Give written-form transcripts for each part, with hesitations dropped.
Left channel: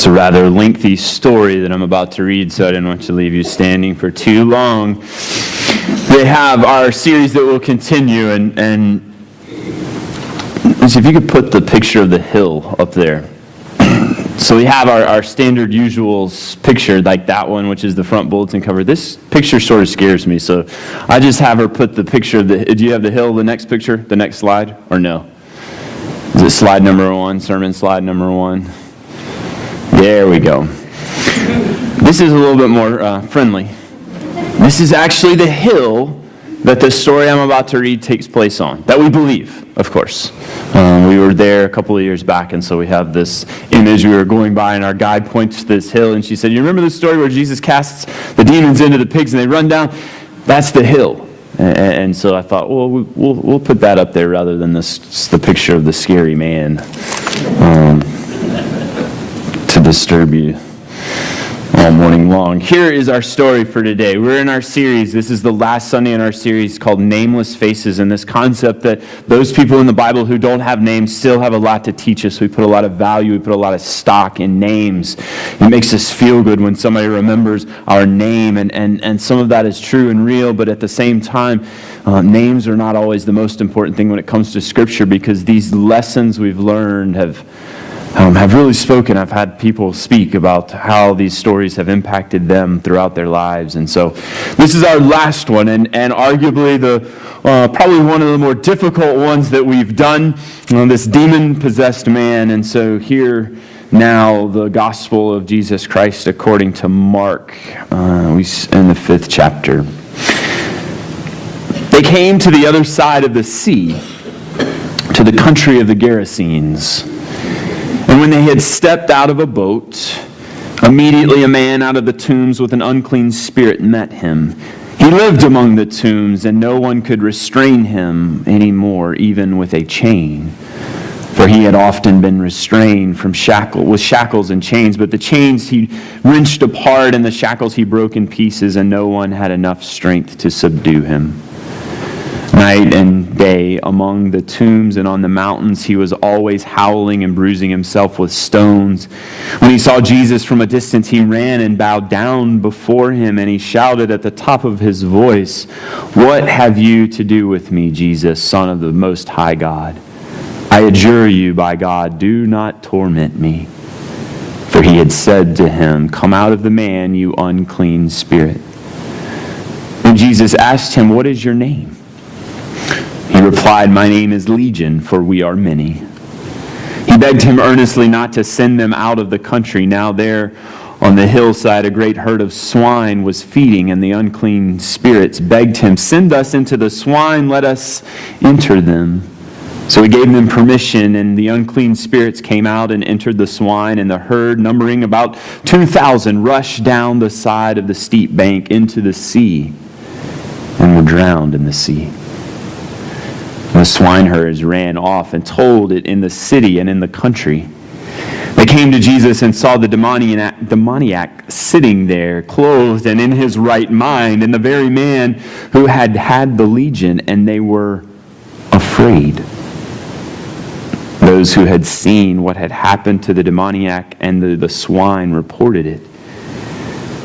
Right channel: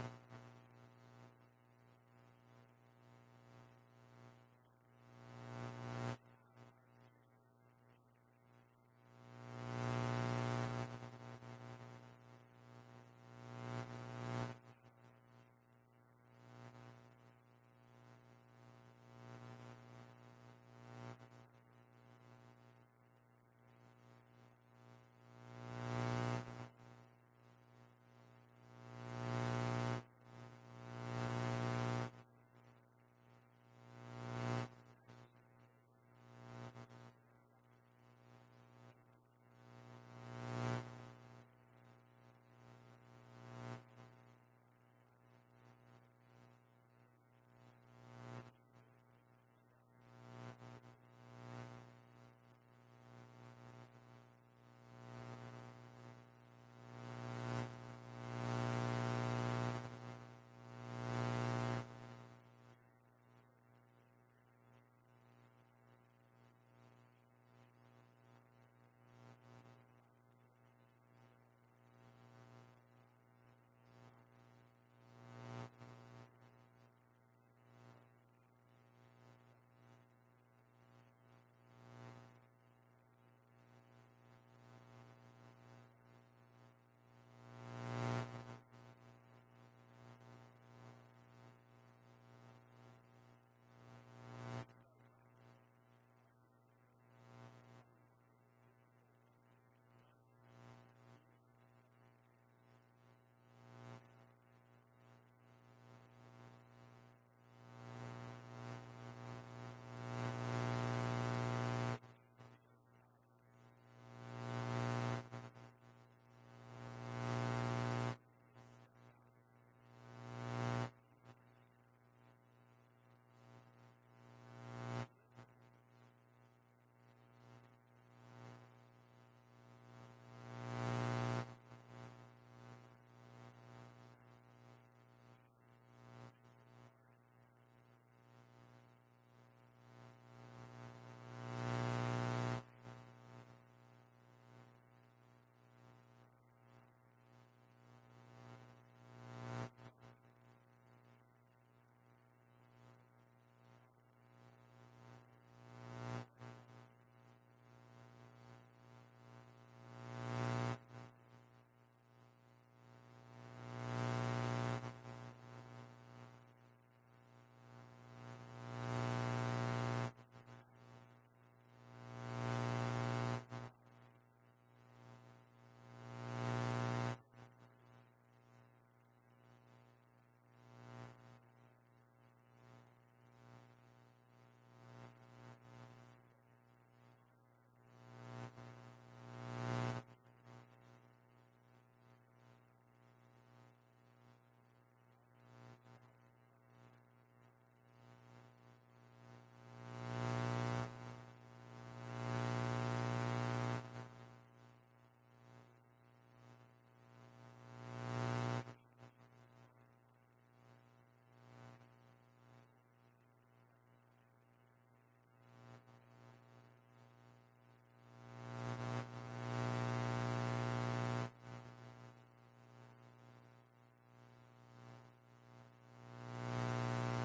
It's a rather lengthy story that I'm about to read, so I didn't want to leave you standing for too long. They have our series that will continue, and so if you could put the picture of the hill up there. So we have our standard usuals picture, like that one, which is the front bulletin cover. This picture sort of scares me, so I just have her put the picture of the, do you have the hill, the next picture, the next slide, or no? Is it slide number 1, sermon slide number 1? There we go. This is a little bit more friendly. This is actually the hill that the story I'm about to read takes place on, that we believe, of course. We were there a couple of years back, and so we have this image. We were going by, and our guide points to this hill, and she said, "You remember the story where Jesus casts the demons into the pigs, and they run down? That's the hill." And so I thought, well, we'll put that up there rather than the picture of the scary man to disturb you all morning long. Here is our story for today. We're in our series. This is the last Sunday in our series called Nameless Faces, and this concept that those people in the Bible who don't have names still have a lot to teach us. We put a lot of value, we put a lot of stock in names. It makes us feel good when somebody remembers our name, and some of that is true and real, but at the same time, names are not always the most important thing when it comes to Scripture, because these lessons we've learned have really spoken. I've had people speak about how these stories have impacted them throughout their lives. And so this is our last one, and arguably probably one of the more difficult ones that we've done, this demon-possessed man. And so here now the gospel of Jesus Christ according to Mark, in the 5th chapter. They came to the other side of the sea, to the country of the Gerasenes. And when they had stepped out of a boat, immediately a man out of the tombs with an unclean spirit met him. He lived among the tombs, and no one could restrain him anymore, even with a chain. For he had often been restrained with shackles and chains, but the chains he wrenched apart, and the shackles he broke in pieces, and no one had enough strength to subdue him. Night and day among the tombs and on the mountains, he was always howling and bruising himself with stones. When he saw Jesus from a distance, he ran and bowed down before him, and he shouted at the top of his voice, "What have you to do with me, Jesus, Son of the Most High God? I adjure you by God, do not torment me." For he had said to him, "Come out of the man, you unclean spirit." And Jesus asked him, "What is your name?" He replied, "My name is Legion, for we are many." He begged him earnestly not to send them out of the country. Now there on the hillside a great herd of swine was feeding, and the unclean spirits begged him, "Send us into the swine, let us enter them." So he gave them permission, and the unclean spirits came out and entered the swine, and the herd, numbering about 2,000, rushed down the side of the steep bank into the sea and were drowned in the sea. The swineherds ran off and told it in the city and in the country. They came to Jesus and saw the demoniac sitting there, clothed and in his right mind, and the very man who had had the legion, and they were afraid. Those who had seen what had happened to the demoniac and the swine reported it.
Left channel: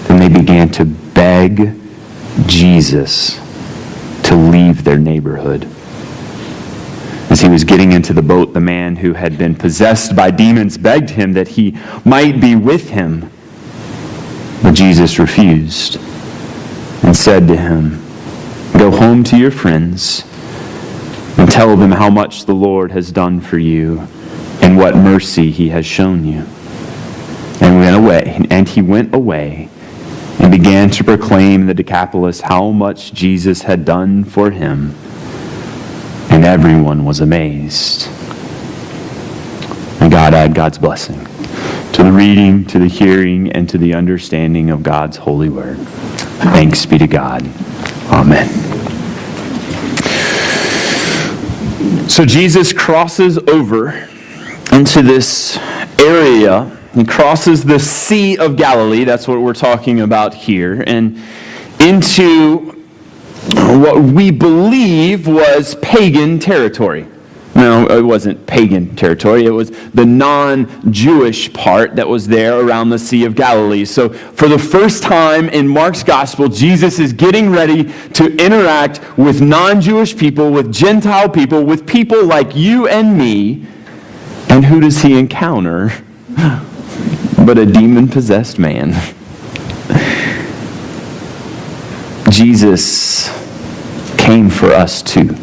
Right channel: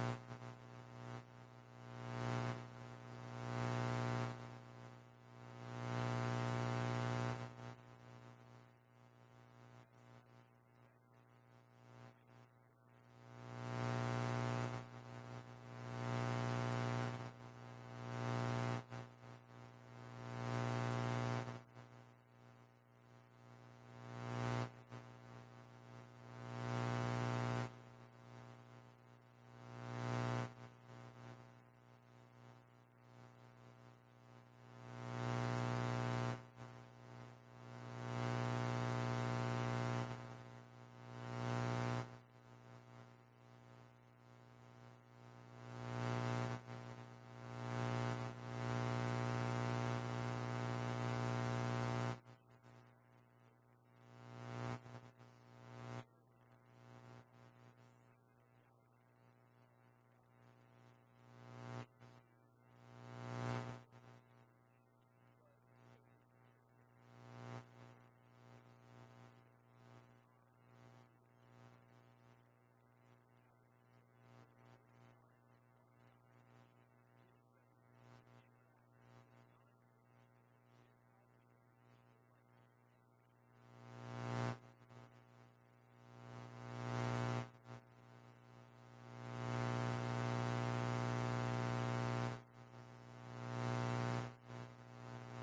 Then they began to beg Jesus to leave their neighborhood. As he was getting into the boat, the man who had been possessed by demons begged him that he might be with him. But Jesus refused and said to him, "Go home to your friends and tell them how much the Lord has done for you and what mercy he has shown you." And he went away and began to proclaim in the Decapolis how much Jesus had done for him. And everyone was amazed. And God add God's blessing to the reading, to the hearing, and to the understanding of God's holy word. Thanks be to God. Amen. So Jesus crosses over into this area. He crosses the Sea of Galilee. That's what we're talking about here. And into what we believe was pagan territory. No, it wasn't pagan territory. It was the non-Jewish part that was there around the Sea of Galilee. So for the first time in Mark's gospel, Jesus is getting ready to interact with non-Jewish people, with Gentile people, with people like you and me. And who does he encounter? But a demon-possessed man. Jesus came for us too.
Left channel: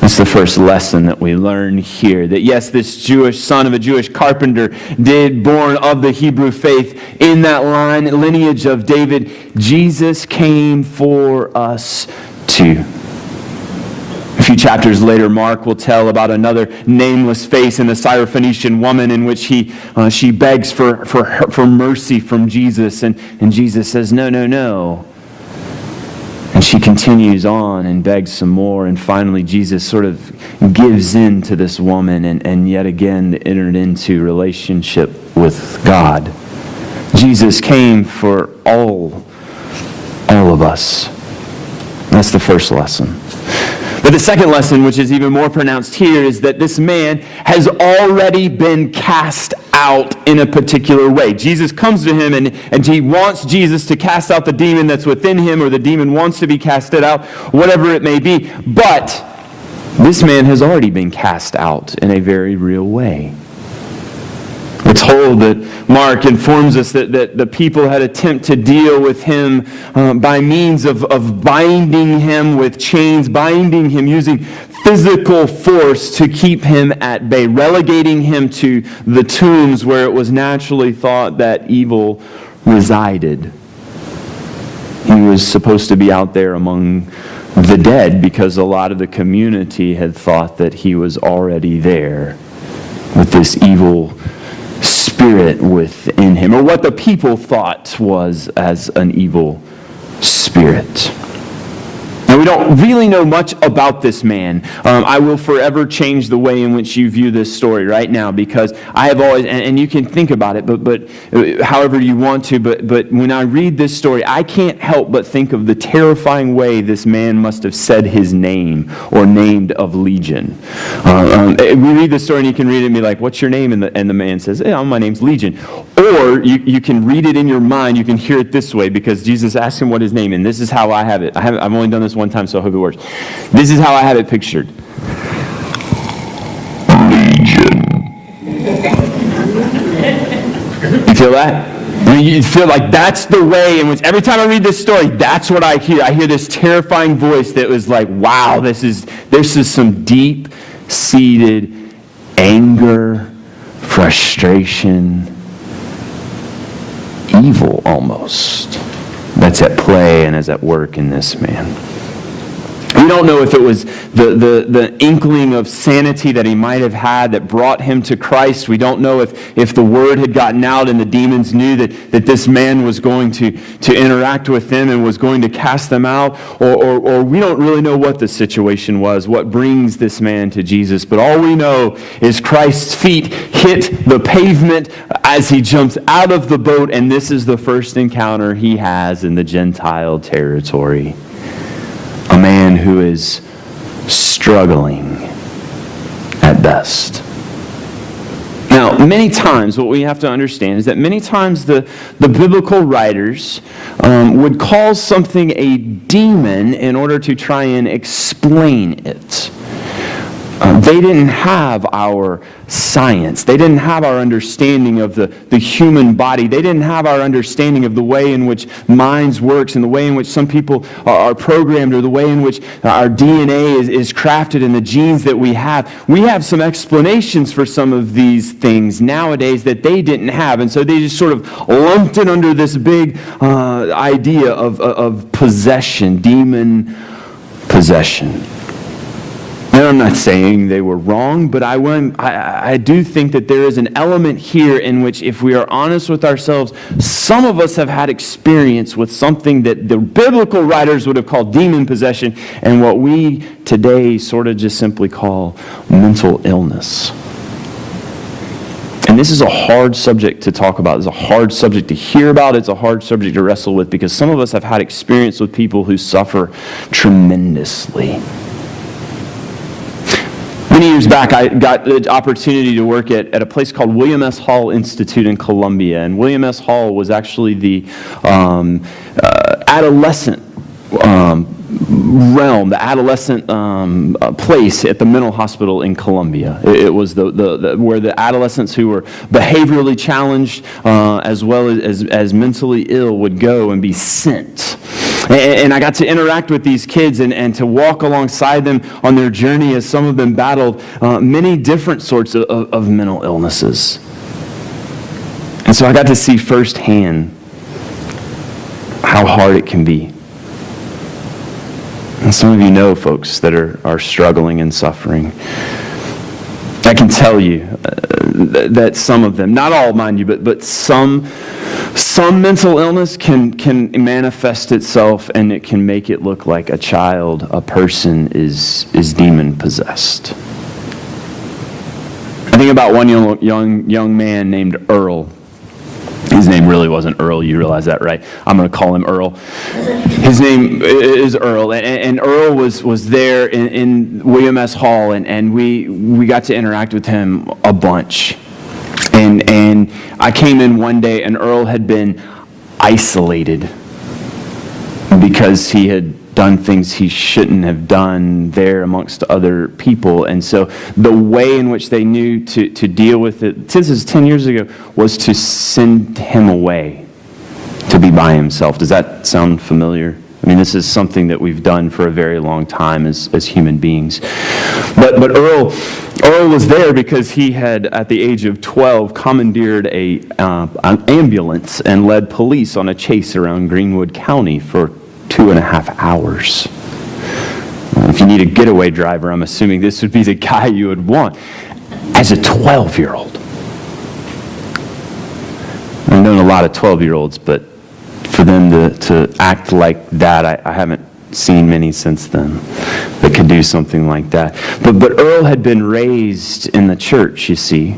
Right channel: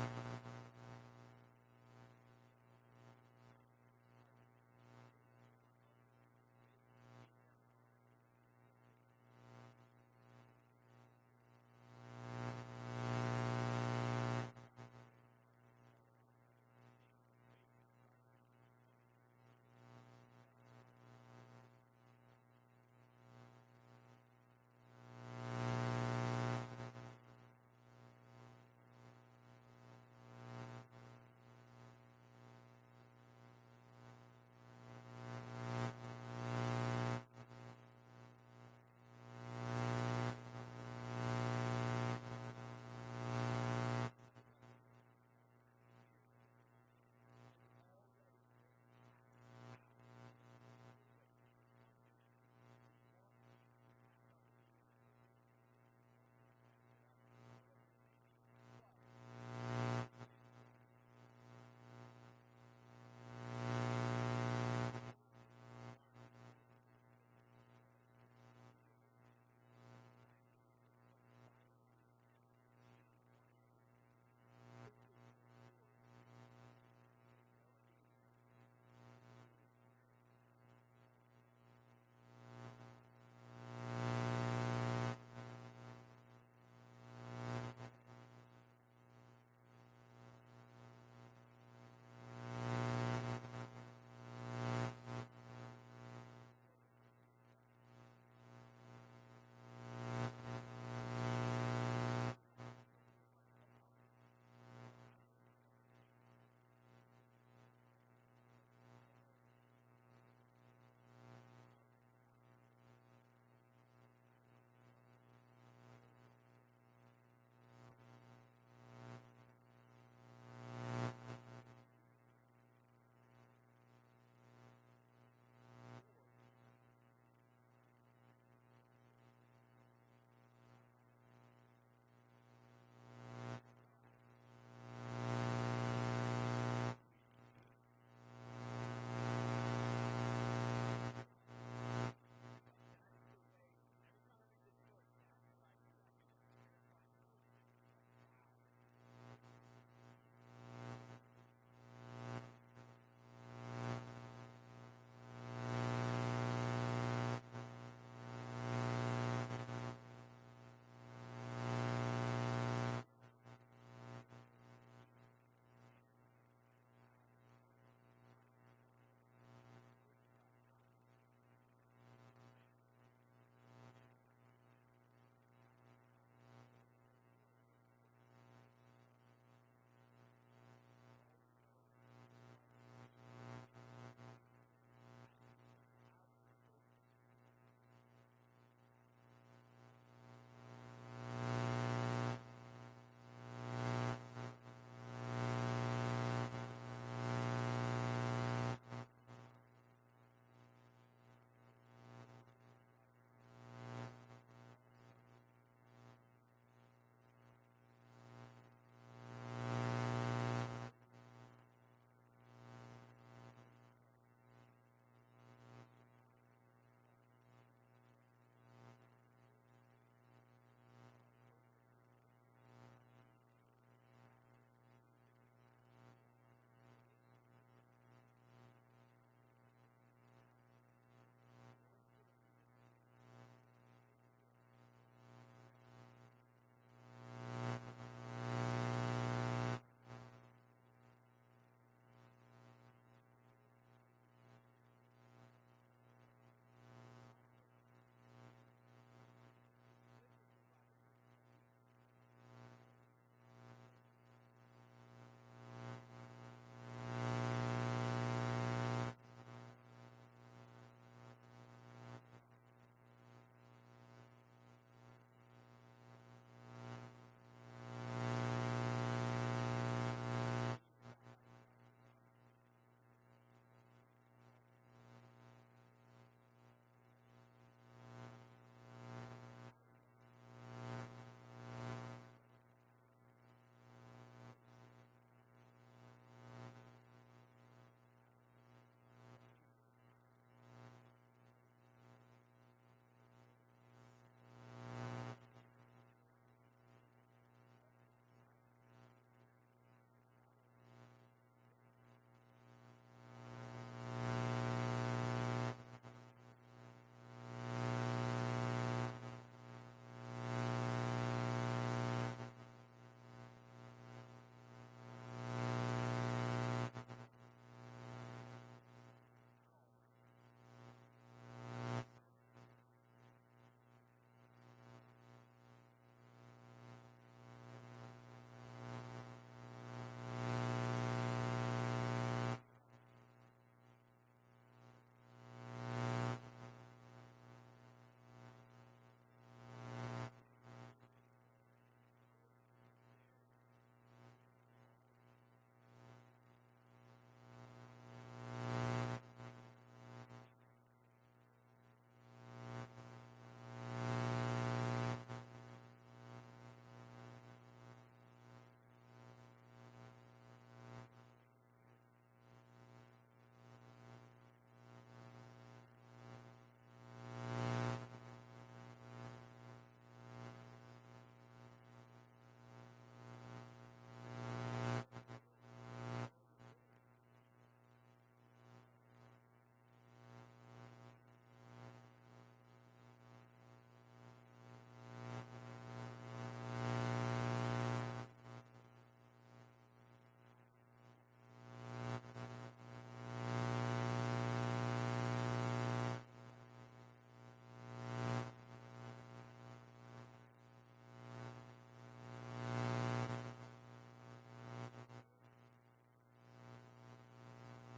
That's the first lesson that we learn here. That yes, this Jewish son of a Jewish carpenter, born of the Hebrew faith, in that lineage of David, Jesus came for us too. A few chapters later, Mark will tell about another nameless face in the Syrophoenician woman in which she begs for mercy from Jesus. And Jesus says, no, no, no. And she continues on and begs some more. And finally, Jesus sort of gives in to this woman and yet again entered into relationship with God. Jesus came for all of us. That's the first lesson. But the second lesson, which is even more pronounced here, is that this man has already been cast out in a particular way. Jesus comes to him and he wants Jesus to cast out the demon that's within him, or the demon wants to be casted out, whatever it may be. But this man has already been cast out in a very real way. We're told that Mark informs us that the people had attempted to deal with him by means of binding him with chains, binding him using physical force to keep him at bay, relegating him to the tombs where it was naturally thought that evil resided. He was supposed to be out there among the dead because a lot of the community had thought that he was already there with this evil spirit within him, or what the people thought was as an evil spirit. Now, we don't really know much about this man. I will forever change the way in which you view this story right now, because I have always, and you can think about it, but however you want to, but when I read this story, I can't help but think of the terrifying way this man must have said his name, or named of Legion. We read the story and you can read it and be like, what's your name? And the man says, my name's Legion. Or you can read it in your mind, you can hear it this way, because Jesus asked him what his name, and this is how I have it. I've only done this one time, so I hope it works. This is how I have it pictured. Legion. You feel that? I mean, you feel like that's the way in which, every time I read this story, that's what I hear. I hear this terrifying voice that was like, wow, this is some deep-seated anger, frustration, evil almost, that's at play and is at work in this man. We don't know if it was the inkling of sanity that he might have had that brought him to Christ. We don't know if the word had gotten out and the demons knew that this man was going to interact with them and was going to cast them out, or we don't really know what the situation was, what brings this man to Jesus. But all we know is Christ's feet hit the pavement as he jumps out of the boat, and this is the first encounter he has in the Gentile territory. A man who is struggling at best. Now, many times what we have to understand is that many times the biblical writers would call something a demon in order to try and explain it. They didn't have our science. They didn't have our understanding of the human body. They didn't have our understanding of the way in which minds works and the way in which some people are programmed, or the way in which our DNA is crafted and the genes that we have. We have some explanations for some of these things nowadays that they didn't have. And so they just sort of lumped it under this big idea of possession, demon possession. Now, I'm not saying they were wrong, but I do think that there is an element here in which, if we are honest with ourselves, some of us have had experience with something that the biblical writers would have called demon possession, and what we today sort of just simply call mental illness. And this is a hard subject to talk about. It's a hard subject to hear about. It's a hard subject to wrestle with, because some of us have had experience with people who suffer tremendously. Many years back, I got the opportunity to work at a place called William S. Hall Institute in Columbia. And William S. Hall was actually the adolescent realm, the adolescent place at the mental hospital in Columbia. It was the where the adolescents who were behaviorally challenged as well as mentally ill would go and be sent. And I got to interact with these kids and to walk alongside them on their journey as some of them battled many different sorts of mental illnesses. And so I got to see firsthand how hard it can be. And some of you know folks that are struggling and suffering. I can tell you that some of them, not all mind you, but some mental illness can manifest itself, and it can make it look like a person is demon possessed. I think about one young man named Earl. His name really wasn't Earl, you realize that, right? I'm going to call him Earl. His name is Earl, and Earl was there in William S. Hall, and we got to interact with him a bunch. And I came in one day, and Earl had been isolated because he had done things he shouldn't have done there amongst other people. And so the way in which they knew to deal with it, this is 10 years ago, was to send him away to be by himself. Does that sound familiar? I mean, this is something that we've done for a very long time as human beings. But Earl was there because he had, at the age of 12, commandeered an ambulance and led police on a chase around Greenwood County for 2.5 hours. If you need a getaway driver, I'm assuming this would be the guy you would want. As a 12-year-old. I've known a lot of 12-year-olds, but for them to act like that, I haven't seen many since then that could do something like that. But Earl had been raised in the church, you see.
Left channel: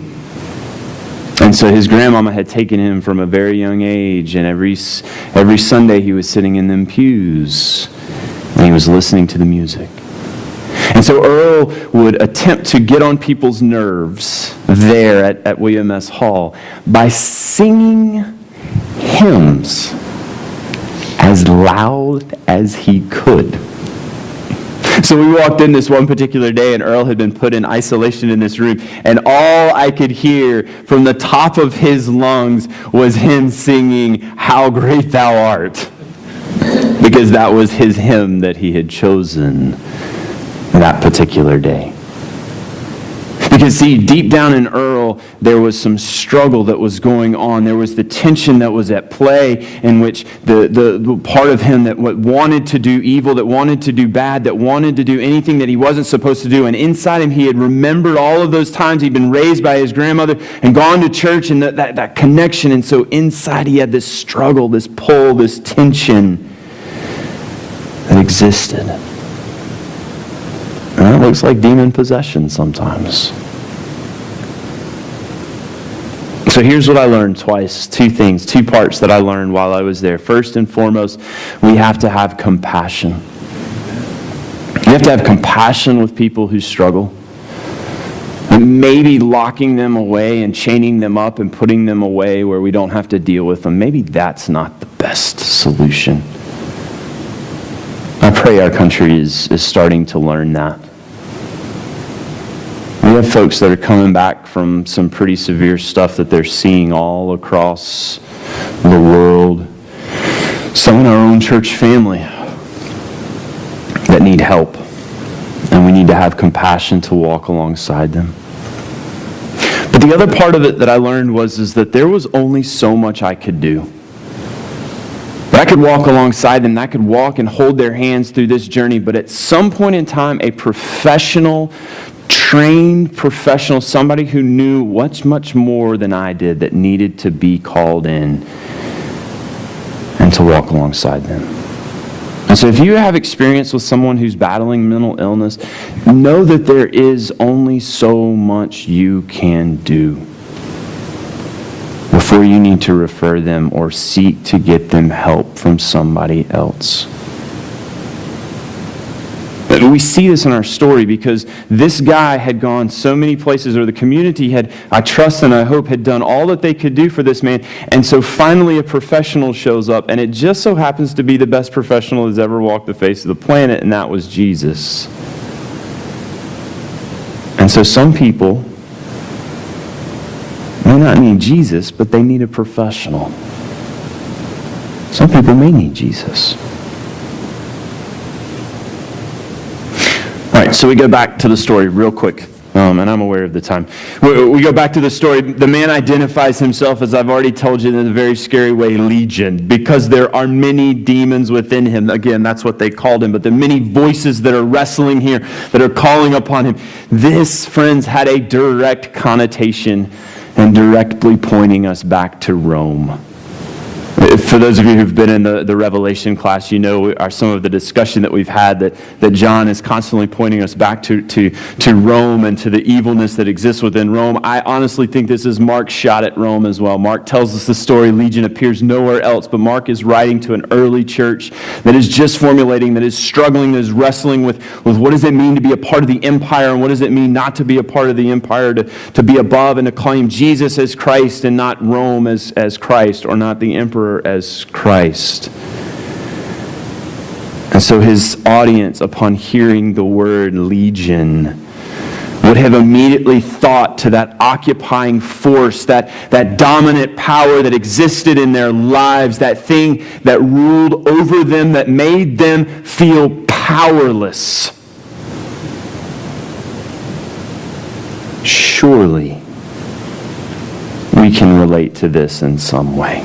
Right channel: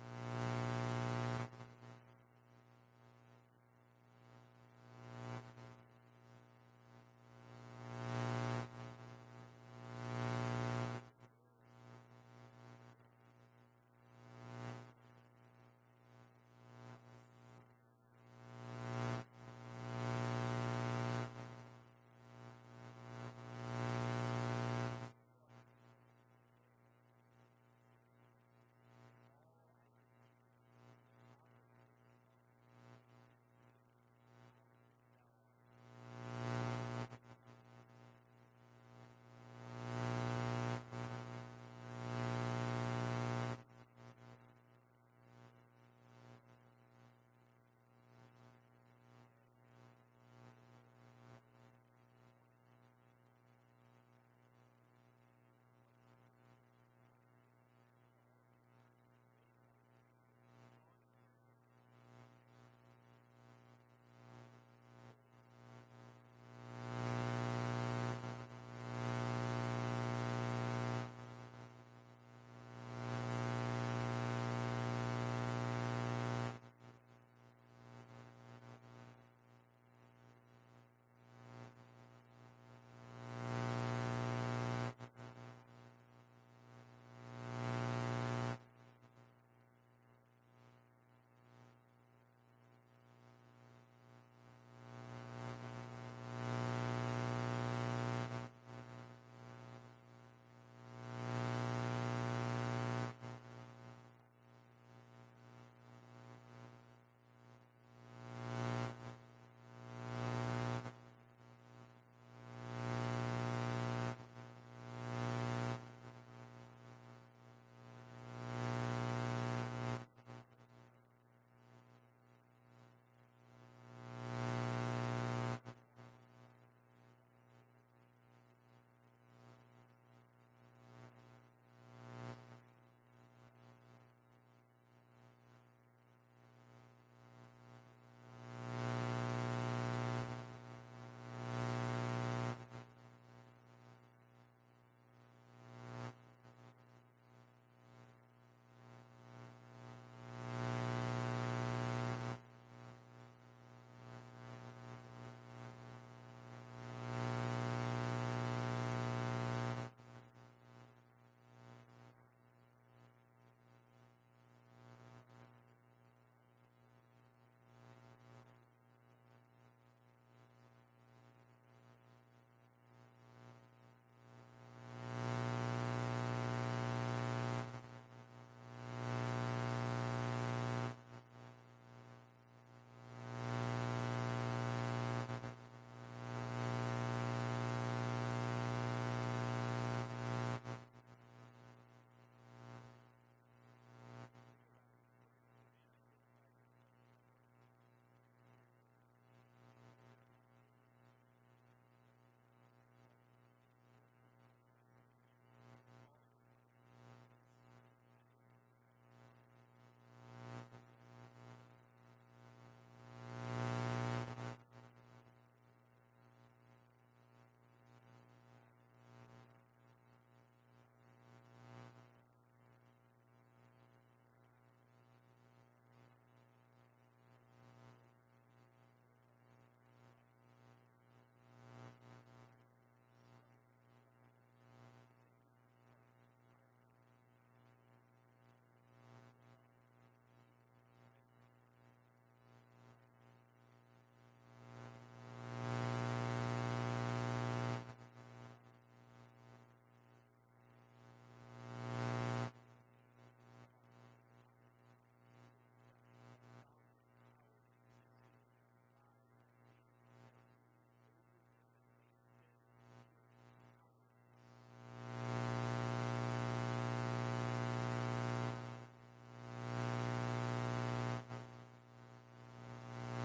And so his grandmama had taken him from a very young age, and every Sunday he was sitting in them pews, and he was listening to the music. And so Earl would attempt to get on people's nerves there at William S. Hall by singing hymns as loud as he could. So we walked in this one particular day, and Earl had been put in isolation in this room, and all I could hear from the top of his lungs was him singing, "How Great Thou Art," because that was his hymn that he had chosen that particular day. Because see, deep down in Earl, there was some struggle that was going on. There was the tension that was at play, in which the part of him that wanted to do evil, that wanted to do bad, that wanted to do anything that he wasn't supposed to do. And inside him, he had remembered all of those times he'd been raised by his grandmother and gone to church, and that connection. And so inside he had this struggle, this pull, this tension that existed. And that looks like demon possession sometimes. So here's what I learned twice. Two things, two parts that I learned while I was there. First and foremost, we have to have compassion. You have to have compassion with people who struggle. And maybe locking them away and chaining them up and putting them away where we don't have to deal with them, maybe that's not the best solution. I pray our country is starting to learn that. We have folks that are coming back from some pretty severe stuff that they're seeing all across the world. Some in our own church family that need help. And we need to have compassion to walk alongside them. But the other part of it that I learned was that there was only so much I could do. I could walk alongside them, and I could walk and hold their hands through this journey, but at some point in time, a professional, trained professional, somebody who knew much more than I did, that needed to be called in and to walk alongside them. And so if you have experience with someone who's battling mental illness, know that there is only so much you can do before you need to refer them or seek to get them help from somebody else. We see this in our story because this guy had gone so many places, or the community had, I trust and I hope, had done all that they could do for this man. And so finally a professional shows up, and it just so happens to be the best professional that's ever walked the face of the planet, and that was Jesus. And so some people may not need Jesus, but they need a professional. Some people may need Jesus. All right, so we go back to the story real quick, and I'm aware of the time. We go back to the story. The man identifies himself, as I've already told you, in a very scary way, Legion, because there are many demons within him. Again, that's what they called him, but the many voices that are wrestling here, that are calling upon him. This, friends, had a direct connotation and directly pointing us back to Rome. For those of you who've been in the Revelation class, you know some of the discussion that we've had that John is constantly pointing us back to Rome and to the evilness that exists within Rome. I honestly think this is Mark's shot at Rome as well. Mark tells us the story. Legion appears nowhere else, but Mark is writing to an early church that is just formulating, that is struggling, that is wrestling with what does it mean to be a part of the empire, and what does it mean not to be a part of the empire, to be above and to claim Jesus as Christ and not Rome as Christ, or not the emperor as Christ. And so his audience, upon hearing the word Legion, would have immediately thought to that occupying force, that dominant power that existed in their lives, that thing that ruled over them, that made them feel powerless. Surely we can relate to this in some way.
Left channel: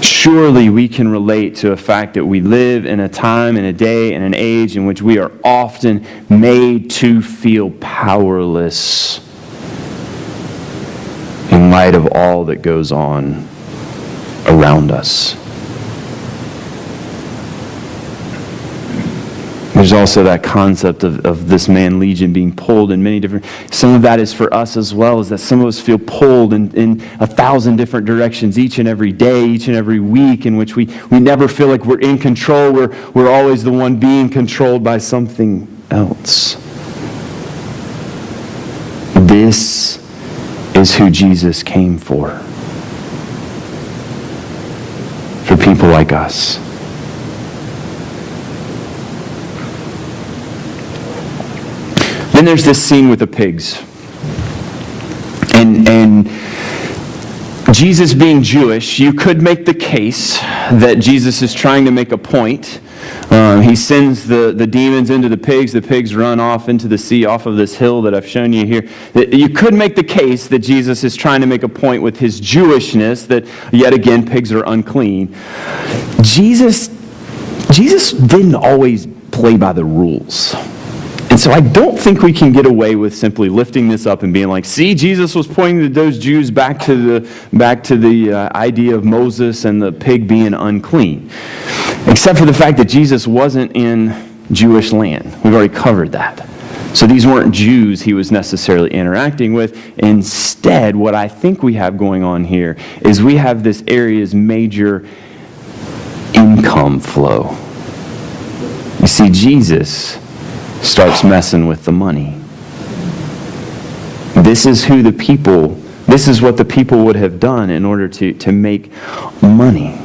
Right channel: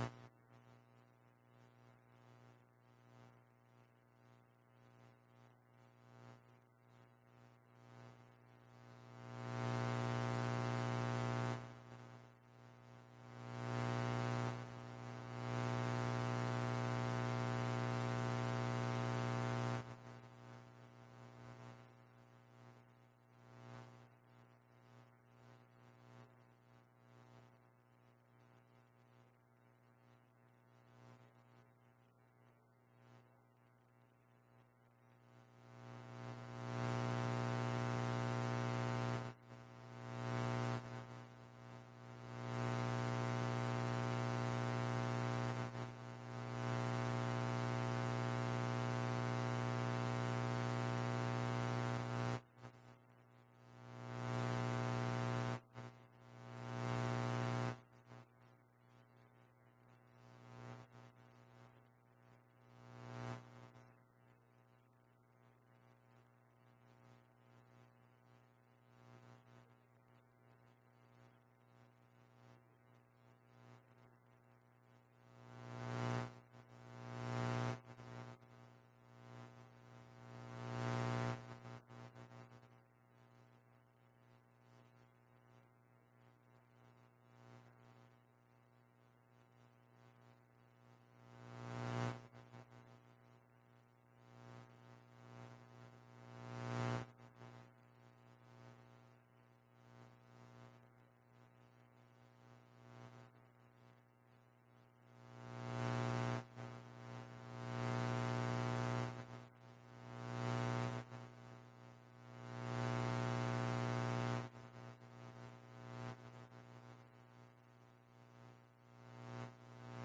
Surely we can relate to a fact that we live in a time, in a day, in an age in which we are often made to feel powerless in light of all that goes on around us. There's also that concept of this man Legion being pulled in many different... Some of that is for us as well, is that some of us feel pulled in 1,000 different directions each and every day, each and every week, in which we never feel like we're in control. We're always the one being controlled by something else. This is who Jesus came for. For people like us. Then there's this scene with the pigs. And Jesus being Jewish, you could make the case that Jesus is trying to make a point. He sends the demons into the pigs run off into the sea off of this hill that I've shown you here. You could make the case that Jesus is trying to make a point with his Jewishness, that yet again pigs are unclean. Jesus didn't always play by the rules. And so I don't think we can get away with simply lifting this up and being like, see, Jesus was pointing those Jews back to the idea of Moses and the pig being unclean. Except for the fact that Jesus wasn't in Jewish land. We've already covered that. So these weren't Jews he was necessarily interacting with. Instead, what I think we have going on here is we have this area's major income flow. You see, Jesus starts messing with the money. This is what the people would have done in order to make money.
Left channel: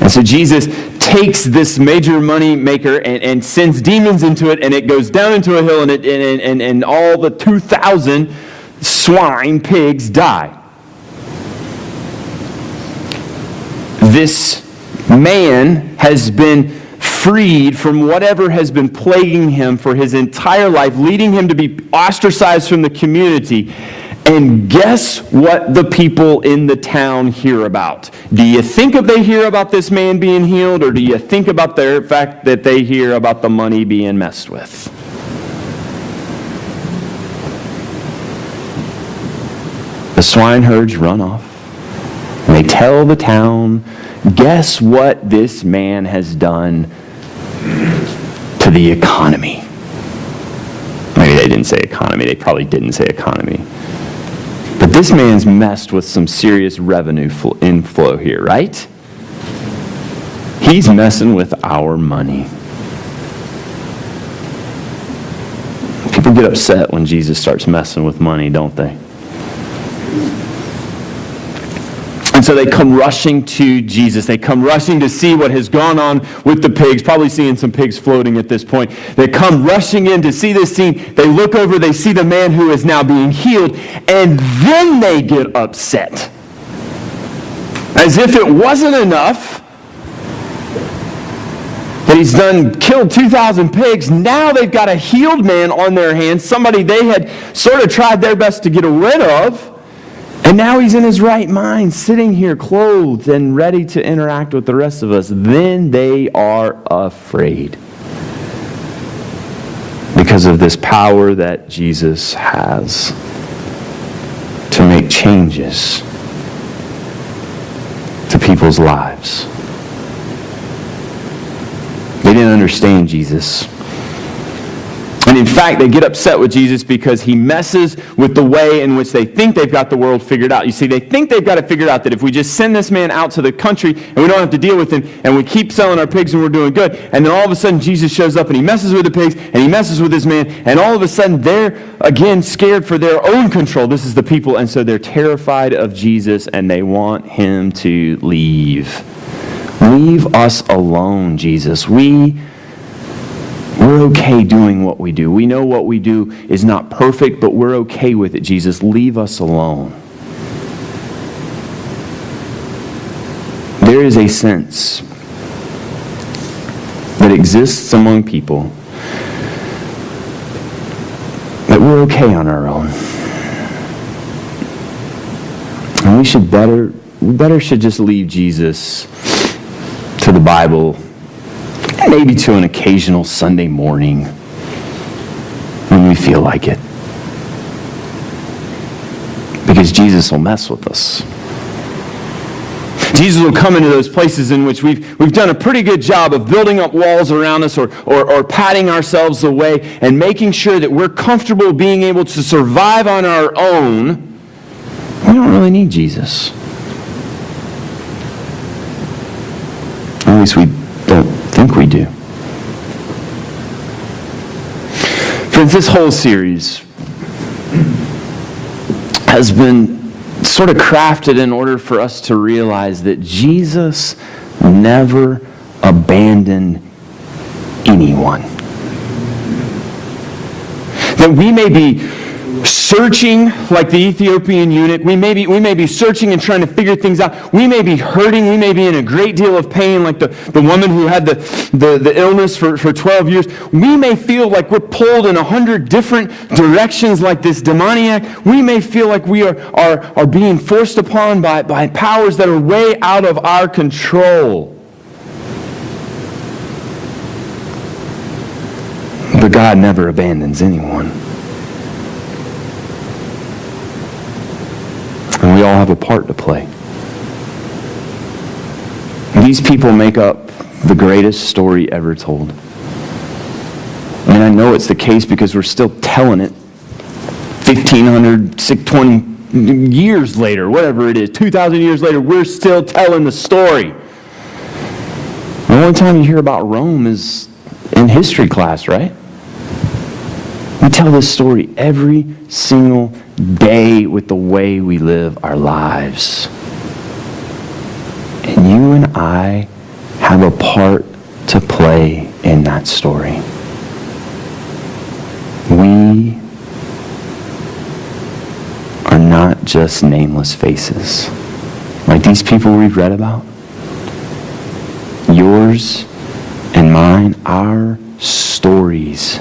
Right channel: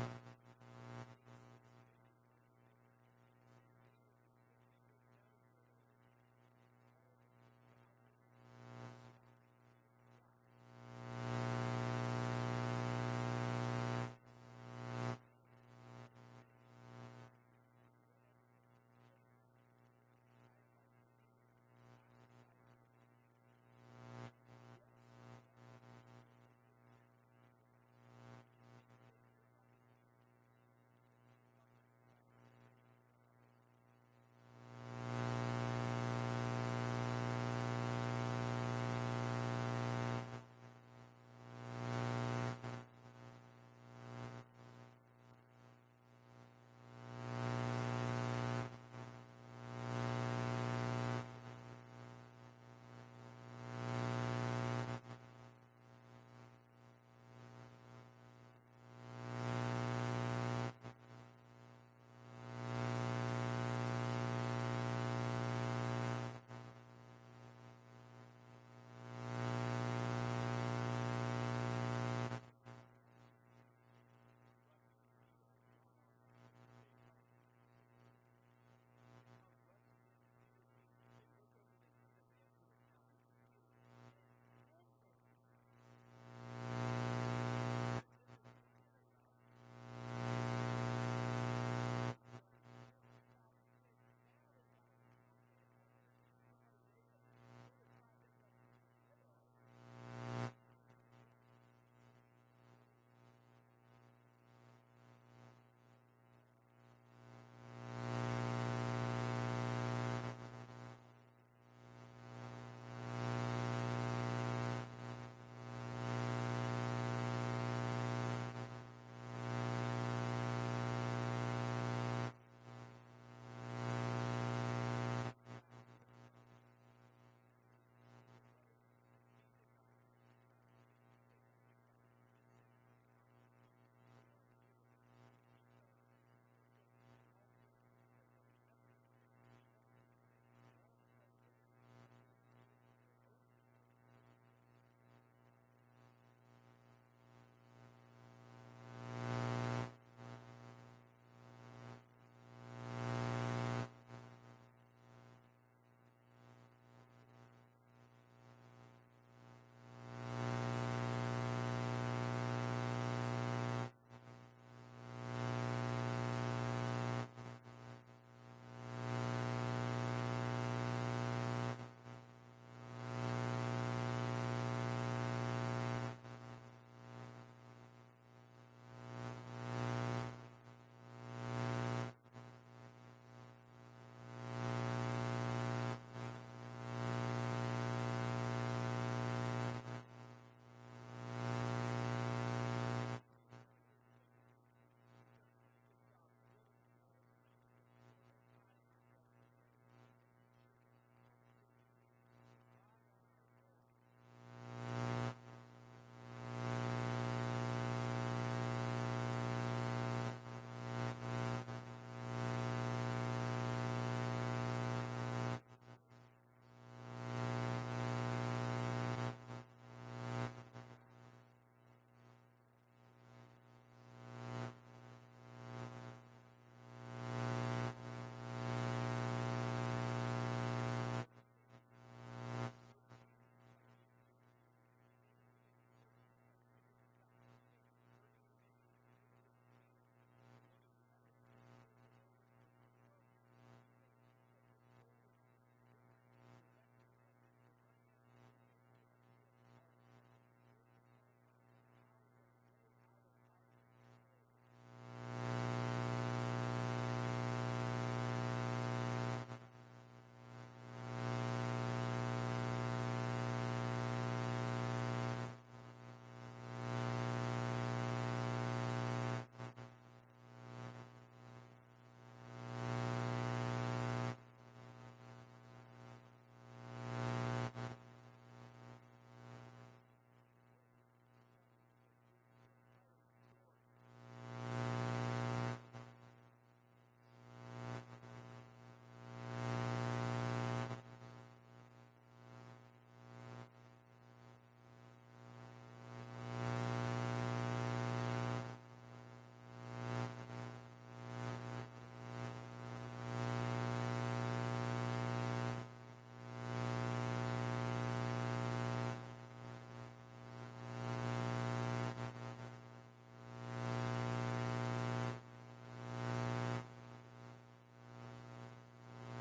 And so Jesus takes this major money maker and sends demons into it, and it goes down into a hill, and all the 2,000 pigs die. This man has been freed from whatever has been plaguing him for his entire life, leading him to be ostracized from the community. And guess what the people in the town hear about? Do you think they hear about this man being healed, or do you think about the fact that they hear about the money being messed with? The swineherds run off, and they tell the town, guess what this man has done to the economy? Maybe they didn't say economy. They probably didn't say economy. But this man's messed with some serious revenue inflow here, right? He's messing with our money. People get upset when Jesus starts messing with money, don't they? And so they come rushing to Jesus. They come rushing to see what has gone on with the pigs, probably seeing some pigs floating at this point. They come rushing in to see this scene. They look over, they see the man who is now being healed, and then they get upset. As if it wasn't enough that he's killed 2,000 pigs, now they've got a healed man on their hands, somebody they had sort of tried their best to get rid of. And now he's in his right mind, sitting here clothed and ready to interact with the rest of us. Then they are afraid because of this power that Jesus has to make changes to people's lives. They didn't understand Jesus. And in fact, they get upset with Jesus because he messes with the way in which they think they've got the world figured out. You see, they think they've got it figured out, that if we just send this man out to the country and we don't have to deal with him and we keep selling our pigs and we're doing good, and then all of a sudden Jesus shows up and he messes with the pigs and he messes with this man, and all of a sudden they're again scared for their own control. This is the people, and so they're terrified of Jesus and they want him to leave. Leave us alone, Jesus. We're okay doing what we do. We know what we do is not perfect, but we're okay with it, Jesus. Leave us alone. There is a sense that exists among people that we're okay on our own. And we better should just leave Jesus to the Bible, maybe to an occasional Sunday morning when we feel like it. Because Jesus will mess with us. Jesus will come into those places in which we've done a pretty good job of building up walls around us or patting ourselves away and making sure that we're comfortable being able to survive on our own. We don't really need Jesus. At least we don't think we do. Friends, this whole series has been sort of crafted in order for us to realize that Jesus never abandoned anyone. That we may be searching like the Ethiopian eunuch. We may be searching and trying to figure things out. We may be hurting. We may be in a great deal of pain like the woman who had the illness for 12 years. We may feel like we're pulled in 100 different directions like this demoniac. We may feel like we are being forced upon by powers that are way out of our control. But God never abandons anyone. And we all have a part to play. These people make up the greatest story ever told. And I know it's the case because we're still telling it 1,500, 620 years later, whatever it is, 2,000 years later, we're still telling the story. The only time you hear about Rome is in history class, right? We tell this story every single day with the way we live our lives. And you and I have a part to play in that story. We are not just nameless faces. Like these people we've read about. Yours and mine, our stories